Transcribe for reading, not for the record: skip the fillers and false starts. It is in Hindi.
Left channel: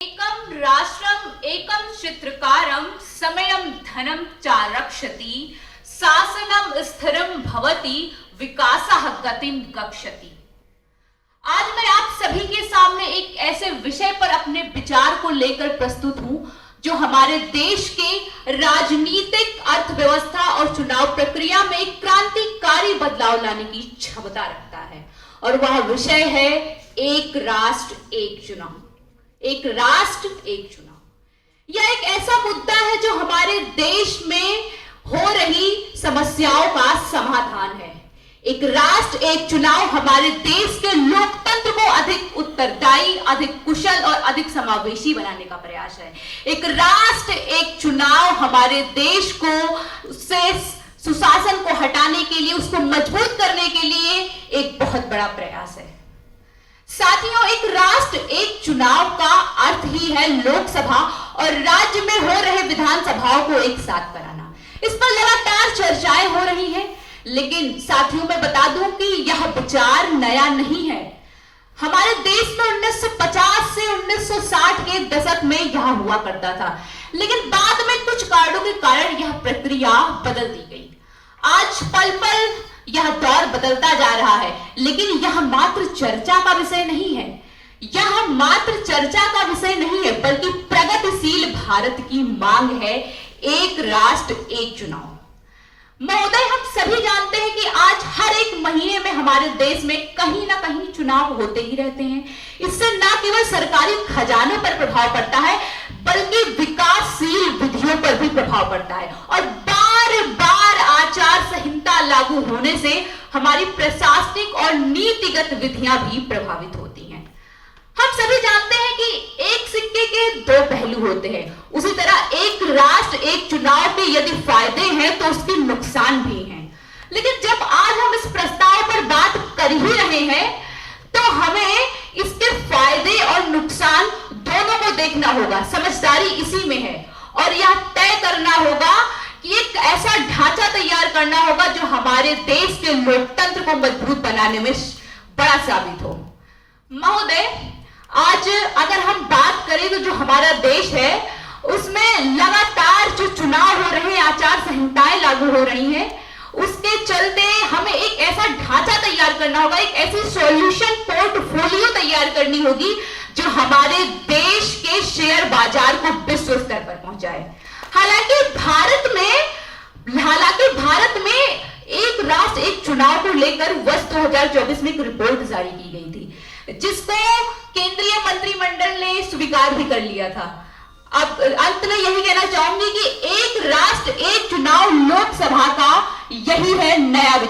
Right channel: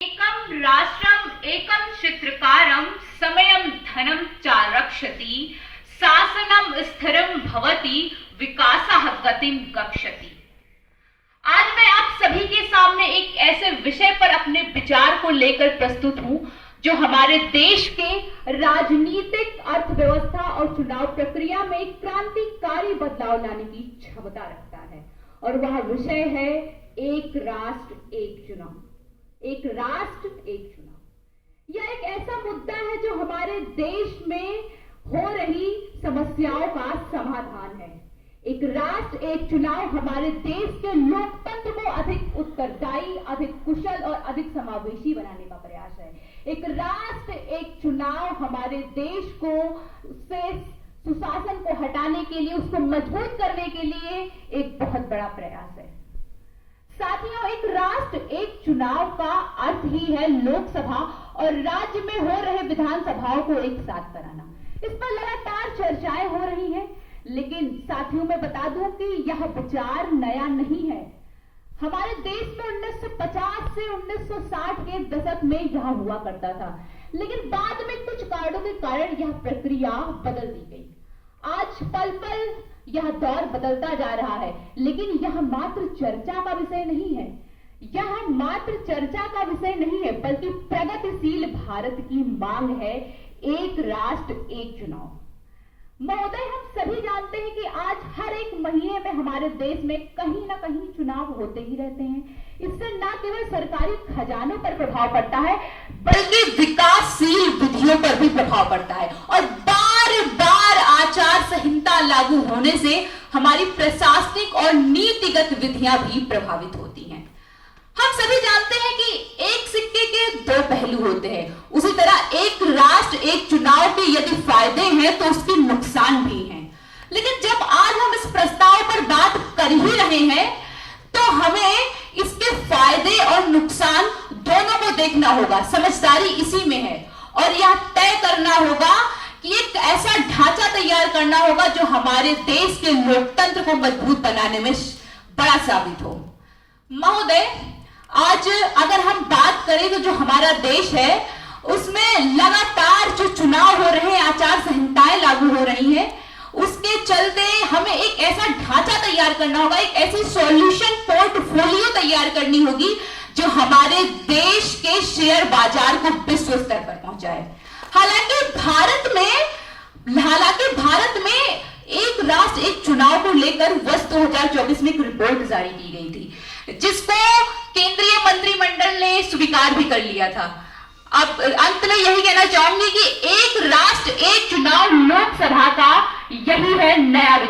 एकम राष्ट्रम एकम चित्रकारम समयम धनम च रक्षति शासनम स्थिरम भवति विकासः गतिम गच्छति। आज मैं आप सभी के सामने एक ऐसे विषय पर अपने विचार को लेकर प्रस्तुत हूं जो हमारे देश के राजनीतिक अर्थव्यवस्था और चुनाव प्रक्रिया में एक क्रांतिकारी बदलाव लाने की क्षमता रखता है, और वह विषय है एक राष्ट्र एक चुनाव। एक राष्ट्र एक चुनाव यह एक ऐसा मुद्दा है जो हमारे देश में हो रही समस्याओं का समाधान है। एक राष्ट्र एक चुनाव हमारे देश के लोकतंत्र को अधिक उत्तरदायी, अधिक कुशल और अधिक समावेशी बनाने का प्रयास है। एक राष्ट्र एक चुनाव हमारे देश को से सुशासन को हटाने के लिए, उसको मजबूत करने के लिए एक बहुत बड़ा प्रयास है। साथियों, एक राष्ट्र एक चुनाव का अर्थ ही है लोकसभा और राज्य में हो रहे विधानसभाओं को एक साथ कराना। इस पर लगातार चर्चाएं हो रही हैं, लेकिन साथियों मैं बता दूं कि यह विचार नया नहीं है। हमारे देश में 1950 से 1960 के दशक में यह हुआ करता था, लेकिन बाद में कुछ कारणों के कारण यह प्रक्रिया बदल दी गई। आज पल पल यह दौर बदलता जा रहा है, लेकिन यह मात्र चर्चा का विषय नहीं है। यह मात्र चर्चा का विषय नहीं है, बल्कि प्रगतिशील भारत की मांग है एक राष्ट्र एक चुनाव। महोदय, हम सभी जानते हैं कि आज हर एक महीने में हमारे देश में कहीं ना कहीं चुनाव होते ही रहते हैं। इससे न केवल सरकारी खजाने पर प्रभाव पड़ता है, बल्कि विकासशील विधियों पर भी प्रभाव पड़ता है, और बार बार आचार संहिता लागू होने से हमारी प्रशासनिक और नीतिगत विधियां भी प्रभावित होती हैं। हम सभी जानते हैं कि एक सिक्के के दो पहलू होते हैं। उसी तरह एक राष्ट्र एक चुनाव के यदि फायदे हैं तो उसके नुकसान भी हैं। लेकिन जब आज हम इस प्रस्ताव पर बात कर ही रहे हैं तो हमें इसके फायदे और नुकसान दोनों को देखना होगा। समझदारी इसी में है, और यह तय करना होगा कि एक ऐसा ढांचा तैयार करना होगा जो हमारे देश के लोकतंत्र को मजबूत बनाने में बड़ा साबित हो। महोदय, आज अगर हम बात करें तो जो हमारा देश है उसमें लगातार जो चुनाव हो रहे हैं, आचार संहिताएं लागू हो रही हैं, उसके चलते हमें एक ऐसा ढांचा तैयार करना होगा, एक ऐसी सॉल्यूशन पोर्टफोलियो तैयार करनी होगी जो हमारे देश के शेयर बाजार को विश्व स्तर पर पहुंचाए। हालांकि भारत में एक राष्ट्र एक चुनाव को लेकर वर्ष 2024 में एक रिपोर्ट जारी की गई थी, जिसको केंद्रीय मंत्रिमंडल ने स्वीकार भी कर लिया था। अब अंत में यही कहना चाहूंगी कि एक राष्ट्र एक चुनाव लोकसभा का यही है नया विचार।